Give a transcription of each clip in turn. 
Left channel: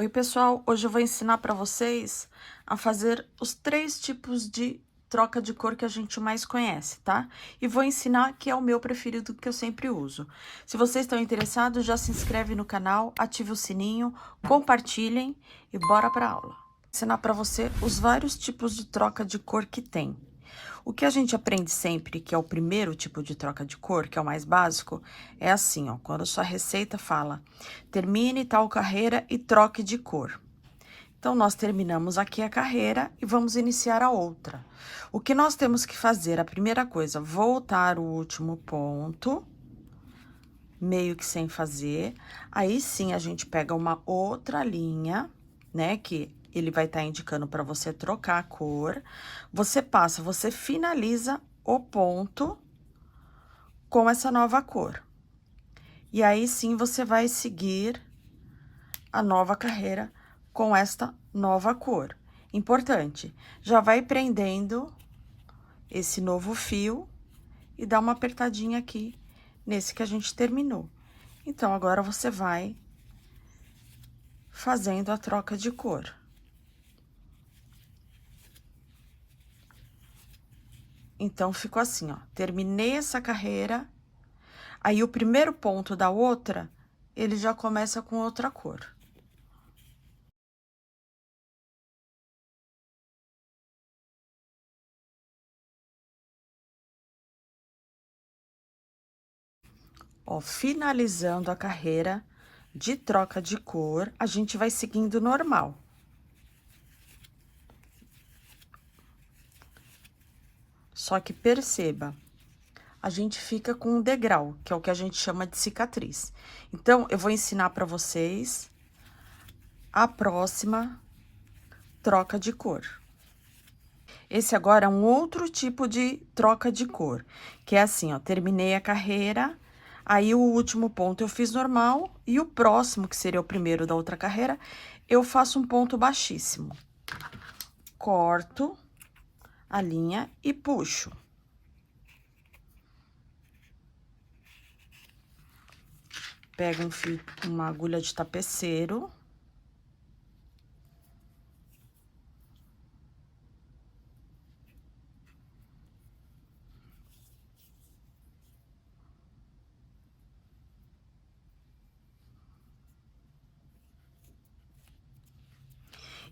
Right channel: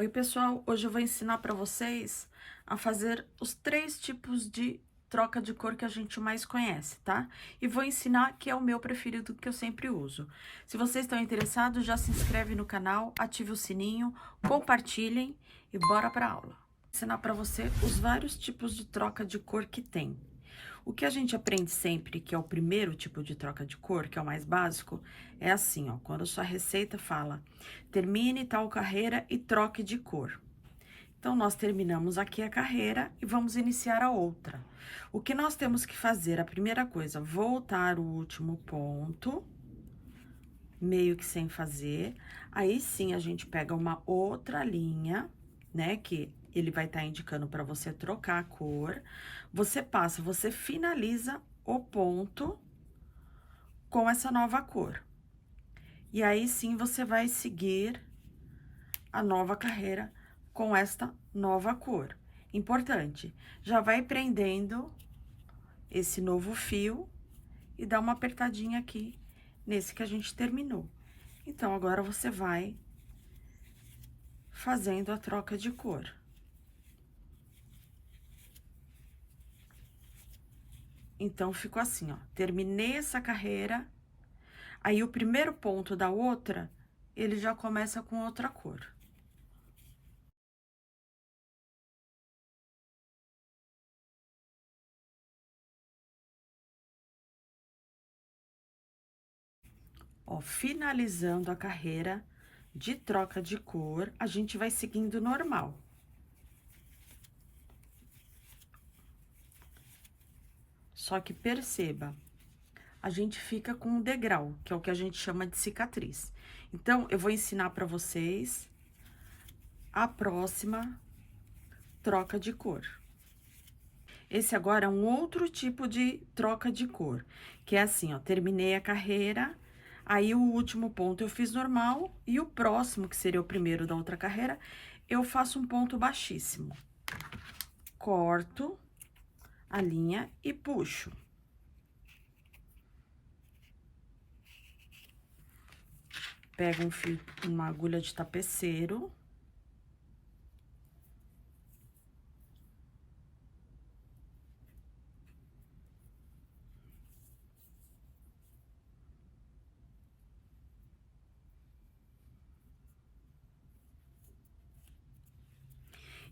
Oi, pessoal! Hoje eu vou ensinar para vocês a fazer os 3 tipos de troca de cor que a gente mais conhece, tá? E vou ensinar que é o meu preferido, que eu sempre uso. Se vocês estão interessados, já se inscreve no canal, ative o sininho, compartilhem e bora para aula. Vou ensinar para você os vários tipos de troca de cor que tem. O que a gente aprende sempre, que é o primeiro tipo de troca de cor, que é o mais básico, é assim, ó, quando sua receita fala, termine tal carreira e troque de cor. Então, nós terminamos aqui a carreira e vamos iniciar a outra. O que nós temos que fazer? A primeira coisa, voltar o último ponto, meio que sem fazer. Aí sim, a gente pega uma outra linha, né, que ele vai estar indicando para você trocar a cor. Você passa, você finaliza o ponto com essa nova cor. E aí sim, você vai seguir a nova carreira com esta nova cor. Importante, já vai prendendo esse novo fio e dá uma apertadinha aqui nesse que a gente terminou. Então, agora você vai fazendo a troca de cor. Então, ficou assim, ó, terminei essa carreira, aí o primeiro ponto da outra, ele já começa com outra cor. Ó, finalizando a carreira de troca de cor, a gente vai seguindo normal. Só que perceba, a gente fica com um degrau, que é o que a gente chama de cicatriz. Então, eu vou ensinar para vocês a próxima troca de cor. Esse agora é um outro tipo de troca de cor, que é assim, ó, terminei a carreira, aí o último ponto eu fiz normal, e o próximo, que seria o primeiro da outra carreira, eu faço um ponto baixíssimo. Corto a linha e puxo. Pego um fio, uma agulha de tapeceiro.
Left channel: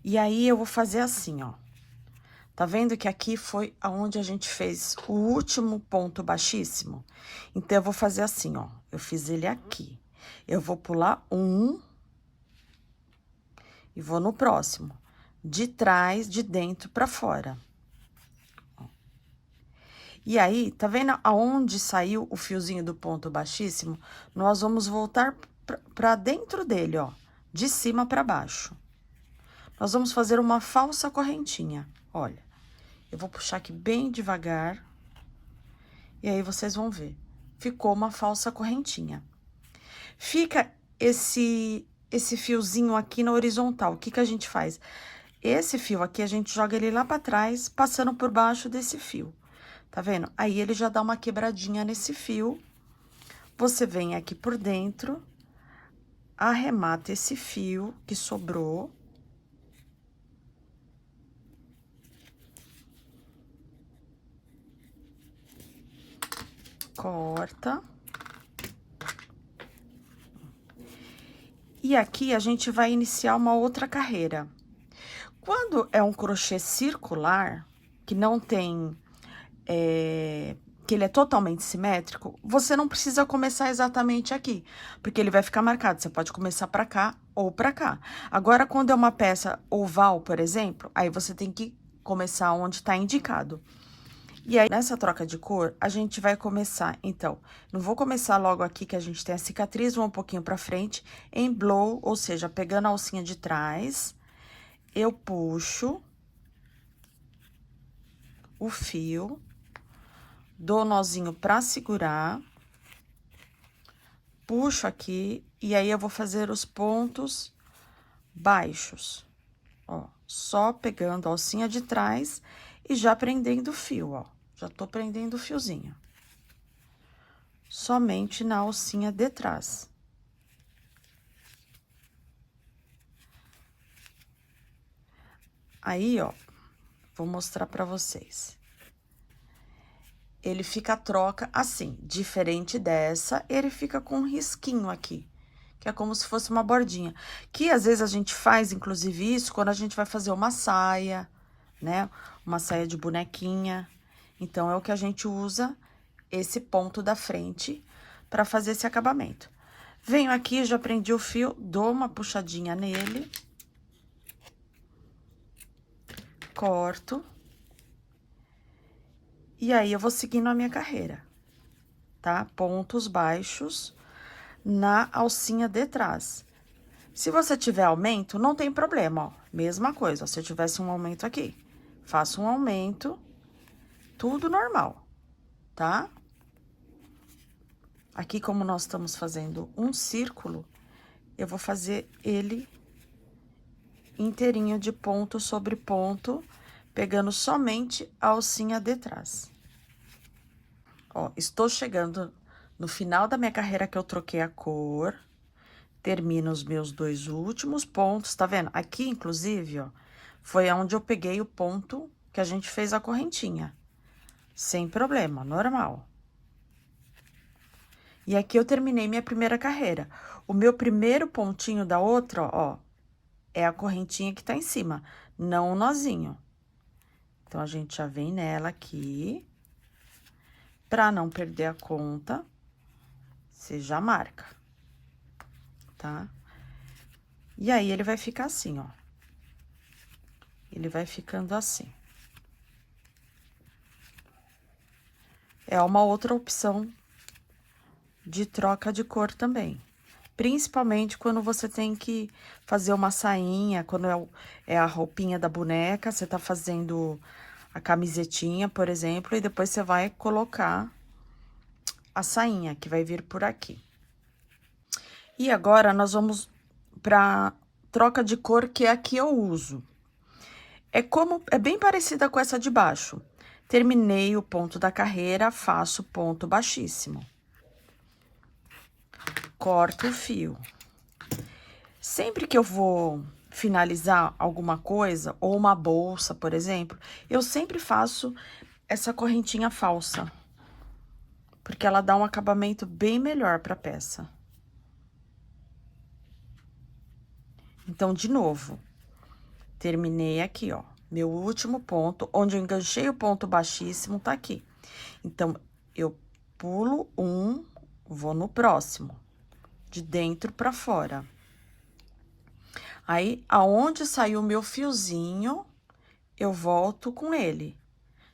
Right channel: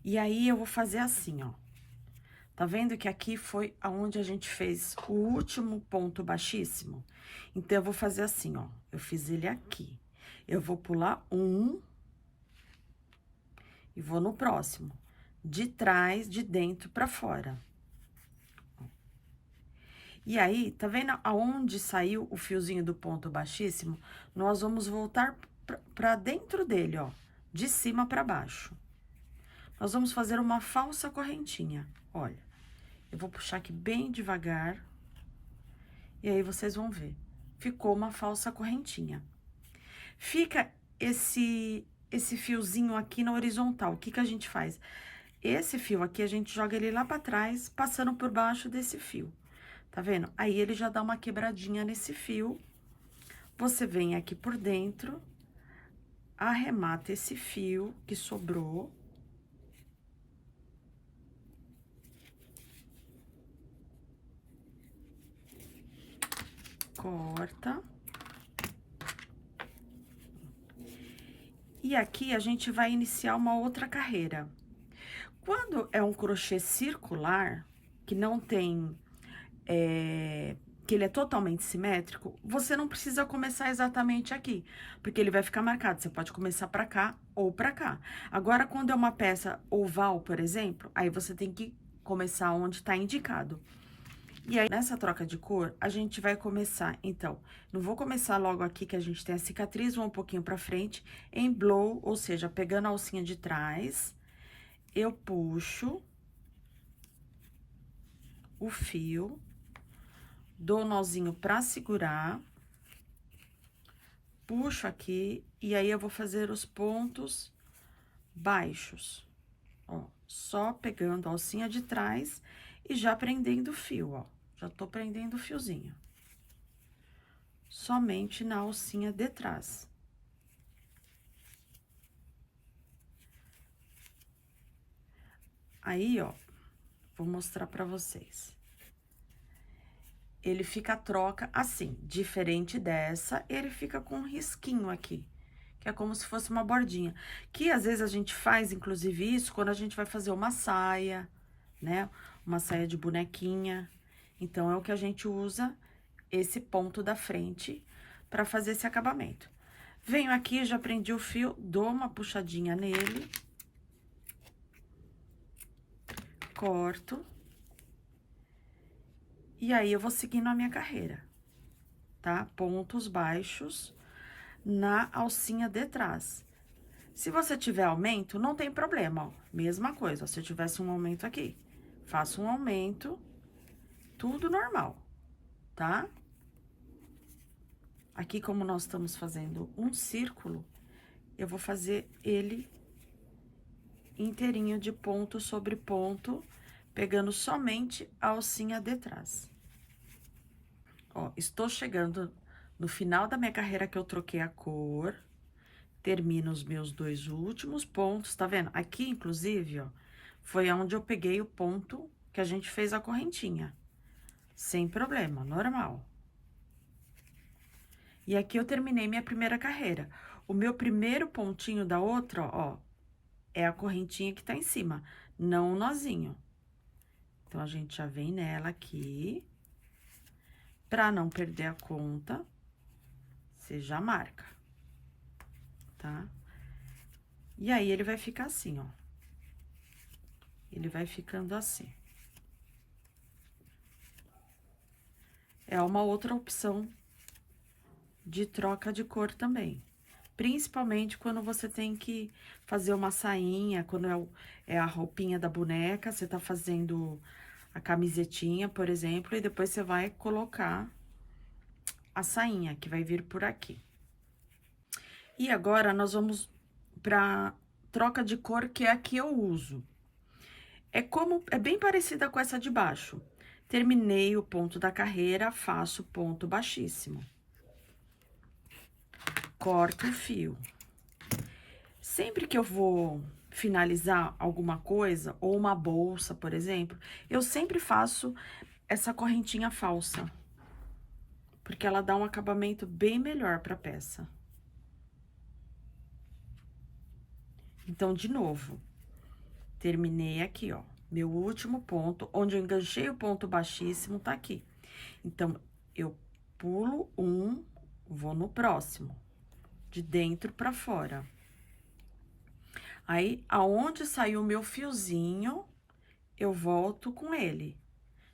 E aí, eu vou fazer assim, ó. Tá vendo que aqui foi aonde a gente fez o último ponto baixíssimo? Então, eu vou fazer assim, ó. Eu fiz ele aqui. Eu vou pular um e vou no próximo. De trás, de dentro pra fora. Ó. E aí, tá vendo aonde saiu o fiozinho do ponto baixíssimo? Nós vamos voltar pra dentro dele, ó. De cima pra baixo. Nós vamos fazer uma falsa correntinha, olha. Eu vou puxar aqui bem devagar. E aí, vocês vão ver. Ficou uma falsa correntinha. Fica esse fiozinho aqui na horizontal. O que que a gente faz? Esse fio aqui, a gente joga ele lá pra trás, passando por baixo desse fio. Tá vendo? Aí, ele já dá uma quebradinha nesse fio. Você vem aqui por dentro, arremata esse fio que sobrou. Corta. E aqui, a gente vai iniciar uma outra carreira. Quando é um crochê circular, que não tem, que ele é totalmente simétrico, você não precisa começar exatamente aqui, porque ele vai ficar marcado, você pode começar pra cá ou pra cá. Agora, quando é uma peça oval, por exemplo, aí você tem que começar onde tá indicado. E aí, nessa troca de cor, a gente vai começar, então, não vou começar logo aqui que a gente tem a cicatriz, vou um pouquinho pra frente, em blow, ou seja, pegando a alcinha de trás, eu puxo o fio, dou nozinho pra segurar, puxo aqui, e aí eu vou fazer os pontos baixos, ó, só pegando a alcinha de trás e já prendendo o fio, ó, já tô prendendo o fiozinho. Somente na alcinha de trás. Aí, ó, vou mostrar pra vocês. Ele fica a troca assim, diferente dessa, ele fica com um risquinho aqui, que é como se fosse uma bordinha. Que às vezes a gente faz, inclusive, isso quando a gente vai fazer uma saia, né? Uma saia de bonequinha. Então, é o que a gente usa, esse ponto da frente, pra fazer esse acabamento. Venho aqui, já prendi o fio, dou uma puxadinha nele. Corto. E aí, eu vou seguindo a minha carreira, tá? Pontos baixos na alcinha de trás. Se você tiver aumento, não tem problema, ó. Mesma coisa, ó, se eu tivesse um aumento aqui, faço um aumento, tudo normal, tá? Aqui, como nós estamos fazendo um círculo, eu vou fazer ele inteirinho de ponto sobre ponto, pegando somente a alcinha de trás. Ó, estou chegando no final da minha carreira que eu troquei a cor, termino os meus 2 últimos pontos, tá vendo? Aqui, inclusive, ó, foi onde eu peguei o ponto que a gente fez a correntinha. Sem problema, normal. E aqui eu terminei minha primeira carreira. O meu primeiro pontinho da outra, ó, é a correntinha que tá em cima, não o nozinho. Então, a gente já vem nela aqui. Pra não perder a conta, você já marca, tá? E aí, ele vai ficar assim, ó. Ele vai ficando assim. É uma outra opção de troca de cor também. Principalmente quando você tem que fazer uma sainha, quando é a roupinha da boneca, você tá fazendo a camisetinha, por exemplo, e depois você vai colocar a sainha, que vai vir por aqui. E agora, nós vamos pra troca de cor, que é a que eu uso. É bem parecida com essa de baixo. Terminei o ponto da carreira, faço ponto baixíssimo. Corto o fio. Sempre que eu vou finalizar alguma coisa, ou uma bolsa, por exemplo, eu sempre faço essa correntinha falsa. Porque ela dá um acabamento bem melhor pra peça. Então, de novo, terminei aqui, ó. Meu último ponto, onde eu enganchei o ponto baixíssimo, tá aqui. Então, eu pulo um, vou no próximo, de dentro pra fora. Aí, aonde saiu o meu fiozinho, eu volto com ele,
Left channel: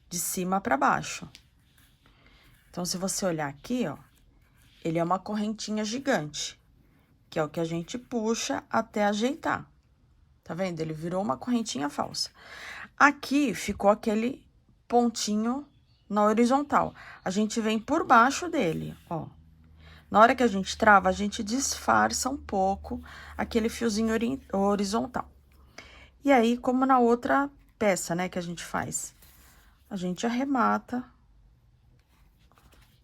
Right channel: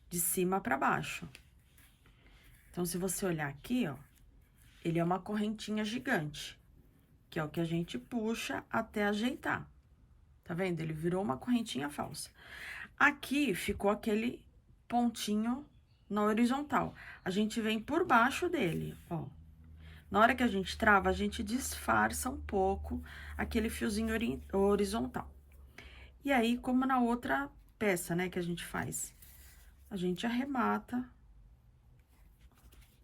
de cima pra baixo. Então, se você olhar aqui, ó, ele é uma correntinha gigante, que é o que a gente puxa até ajeitar. Tá vendo? Ele virou uma correntinha falsa. Aqui ficou aquele pontinho na horizontal. A gente vem por baixo dele, ó. Na hora que a gente trava, a gente disfarça um pouco aquele fiozinho horizontal. E aí, como na outra peça, né, que a gente faz, a gente arremata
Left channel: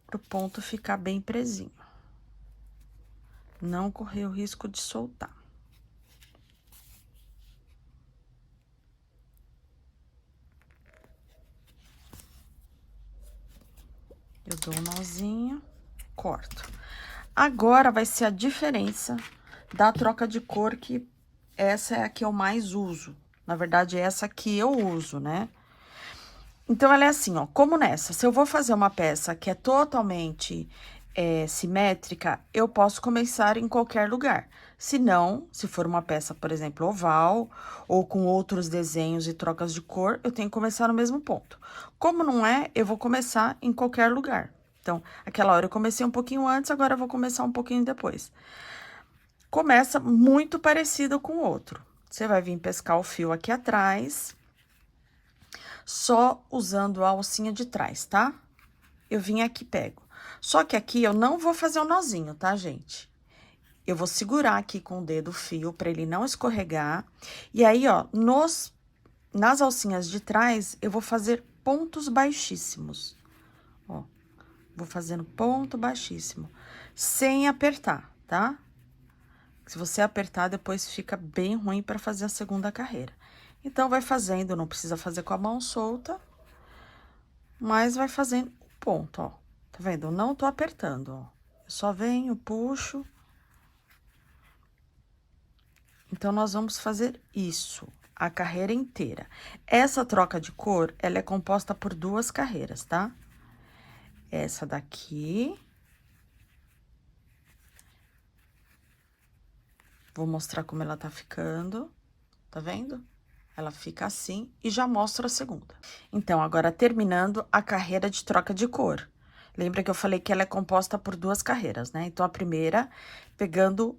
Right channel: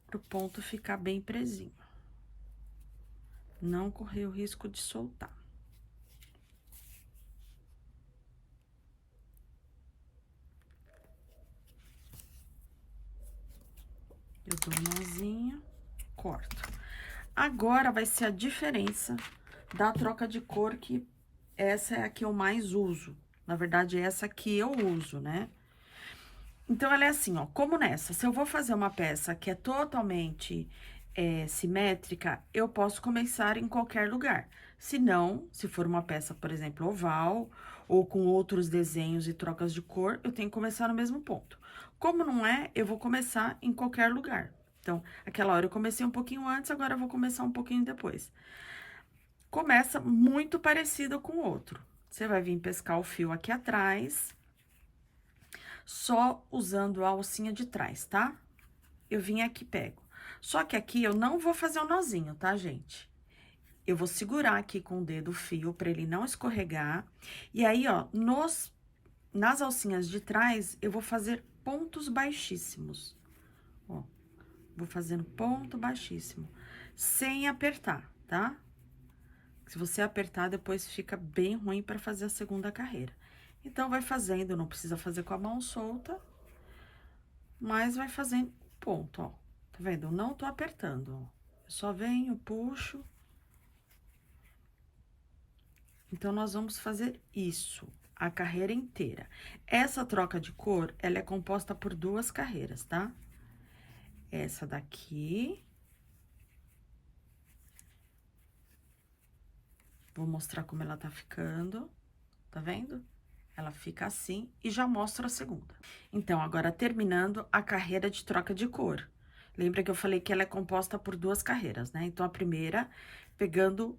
pro ponto ficar bem presinho. Não correr o risco de soltar. Eu dou um nozinho, corto. Agora, vai ser a diferença da troca de cor, que essa é a que eu mais uso. Na verdade, é essa que eu uso, né? Então, ela é assim, ó, como nessa, se eu vou fazer uma peça que é totalmente simétrica, eu posso começar em qualquer lugar. Se não, se for uma peça, por exemplo, oval, ou com outros desenhos e trocas de cor, eu tenho que começar no mesmo ponto. Como não é, eu vou começar em qualquer lugar. Então, aquela hora eu comecei um pouquinho antes, agora eu vou começar um pouquinho depois. Começa muito parecido com o outro. Você vai vir pescar o fio aqui atrás, só usando a alcinha de trás, tá? Eu vim aqui, pego. Só que aqui eu não vou fazer o nozinho, tá, gente? Eu vou segurar aqui com o dedo o fio pra ele não escorregar. E aí, ó, nas alcinhas de trás, eu vou fazer pontos baixíssimos. Ó, vou fazendo ponto baixíssimo, sem apertar, tá? Se você apertar, depois fica bem ruim pra fazer a segunda carreira. Então, vai fazendo, não precisa fazer com a mão solta, mas vai fazendo o ponto, ó. Tá vendo? Eu não tô apertando, ó. Eu só venho, puxo. Então, nós vamos fazer isso, a carreira inteira. Essa troca de cor, ela é composta por 2 carreiras, tá? Essa daqui. Vou mostrar como ela tá ficando, tá vendo? Ela fica assim e já mostro a segunda. Então, agora terminando a carreira de troca de cor. Lembra que eu falei que ela é composta por 2 carreiras, né? Então, a primeira, pegando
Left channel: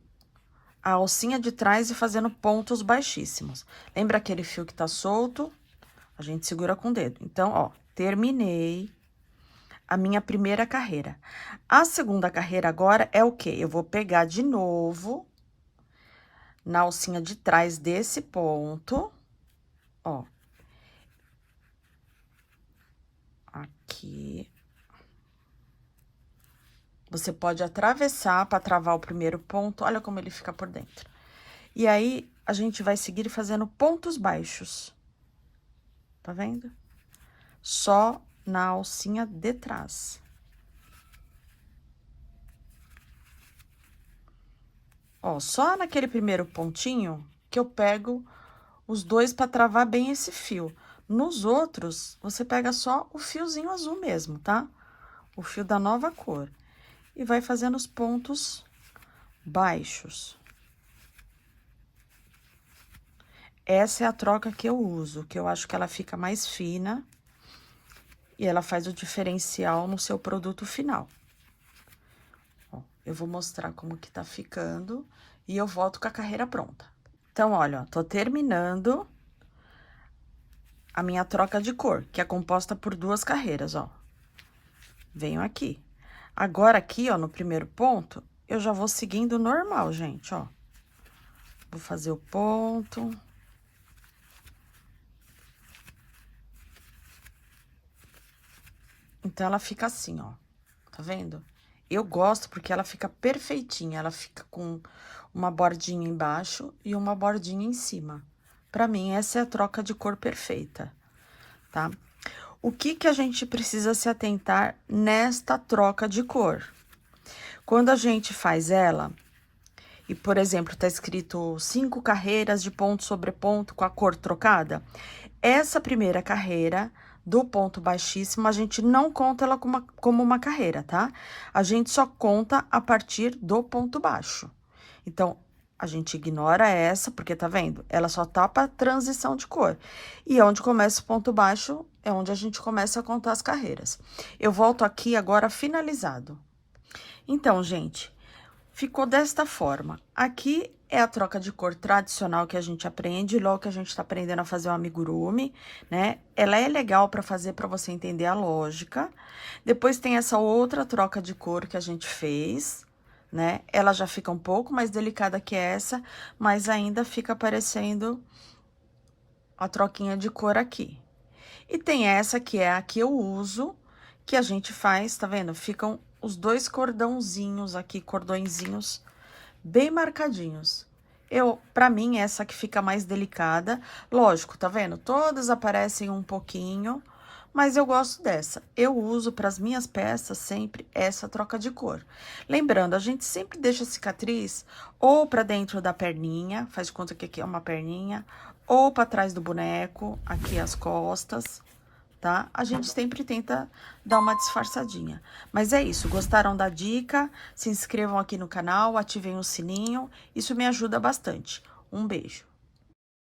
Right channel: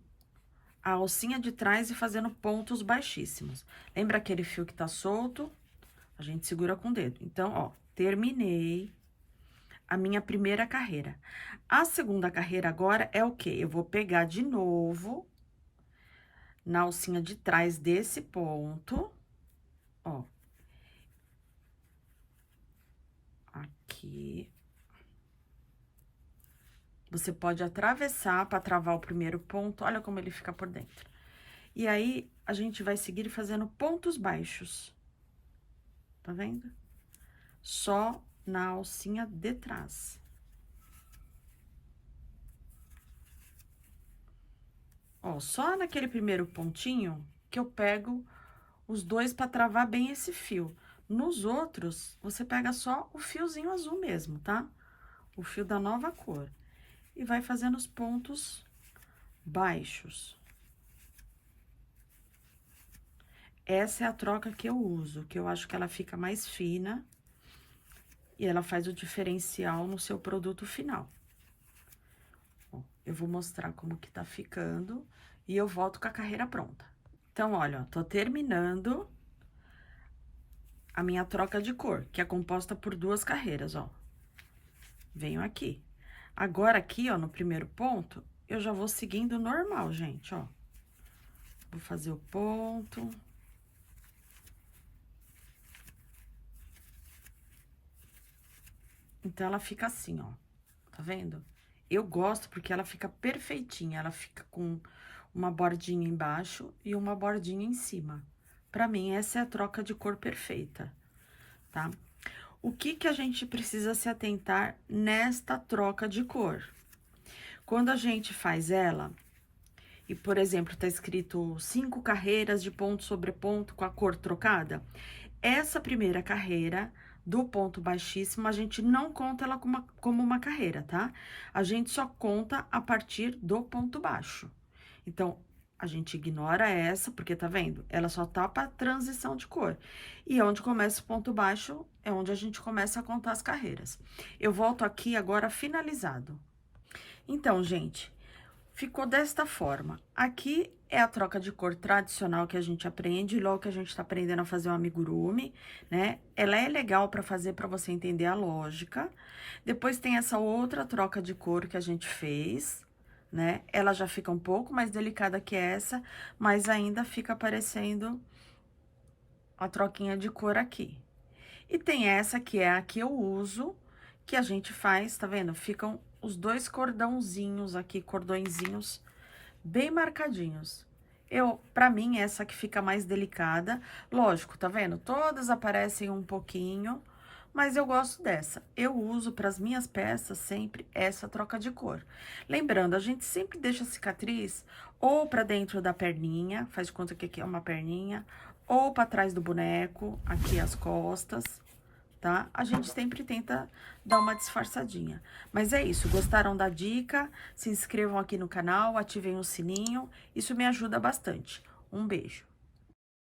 a alcinha de trás e fazendo pontos baixíssimos. Lembra aquele fio que tá solto? A gente segura com o dedo. Então, ó, terminei a minha primeira carreira. A segunda carreira agora é o quê? Eu vou pegar de novo na alcinha de trás desse ponto, ó. Aqui. Você pode atravessar para travar o primeiro ponto, olha como ele fica por dentro. E aí, a gente vai seguir fazendo pontos baixos. Tá vendo? Só na alcinha de trás. Ó, só naquele primeiro pontinho que eu pego os 2 para travar bem esse fio. Nos outros, você pega só o fiozinho azul mesmo, tá? O fio da nova cor. E vai fazendo os pontos baixos. Essa é a troca que eu uso, que eu acho que ela fica mais fina e ela faz o diferencial no seu produto final. Ó, eu vou mostrar como que tá ficando e eu volto com a carreira pronta. Então, olha, ó, tô terminando a minha troca de cor, que é composta por 2 carreiras, ó. Venho aqui. Agora, aqui, ó, no primeiro ponto, eu já vou seguindo normal, gente, ó. Vou fazer o ponto. Então, ela fica assim, ó. Tá vendo? Eu gosto porque ela fica perfeitinha. Ela fica com uma bordinha embaixo e uma bordinha em cima. Pra mim, essa é a troca de cor perfeita, tá? O que que a gente precisa se atentar nesta troca de cor? Quando a gente faz ela, e, por exemplo, tá escrito 5 carreiras de ponto sobre ponto com a cor trocada, essa primeira carreira do ponto baixíssimo, a gente não conta ela como uma carreira, tá? A gente só conta a partir do ponto baixo. Então, a gente ignora essa, porque tá vendo? Ela só tá pra transição de cor. E onde começa o ponto baixo, é onde a gente começa a contar as carreiras. Eu volto aqui agora finalizado. Então, gente, ficou desta forma. Aqui é a troca de cor tradicional que a gente aprende, logo que a gente tá aprendendo a fazer o amigurumi, né? Ela é legal pra fazer, pra você entender a lógica. Depois tem essa outra troca de cor que a gente fez, né? Ela já fica um pouco mais delicada que essa, mas ainda fica aparecendo a troquinha de cor aqui. E tem essa que é a que eu uso, que a gente faz, tá vendo? Ficam os 2 cordãozinhos aqui, cordõezinhos bem marcadinhos. Pra mim, essa que fica mais delicada. Lógico, tá vendo? Todas aparecem um pouquinho, mas eu gosto dessa. Eu uso para as minhas peças sempre essa troca de cor. Lembrando, a gente sempre deixa a cicatriz ou para dentro da perninha, faz de conta que aqui é uma perninha, ou para trás do boneco, aqui as costas, tá? A gente sempre tenta dar uma disfarçadinha. Mas é isso, gostaram da dica? Se inscrevam aqui no canal, ativem o sininho, isso me ajuda bastante. Um beijo!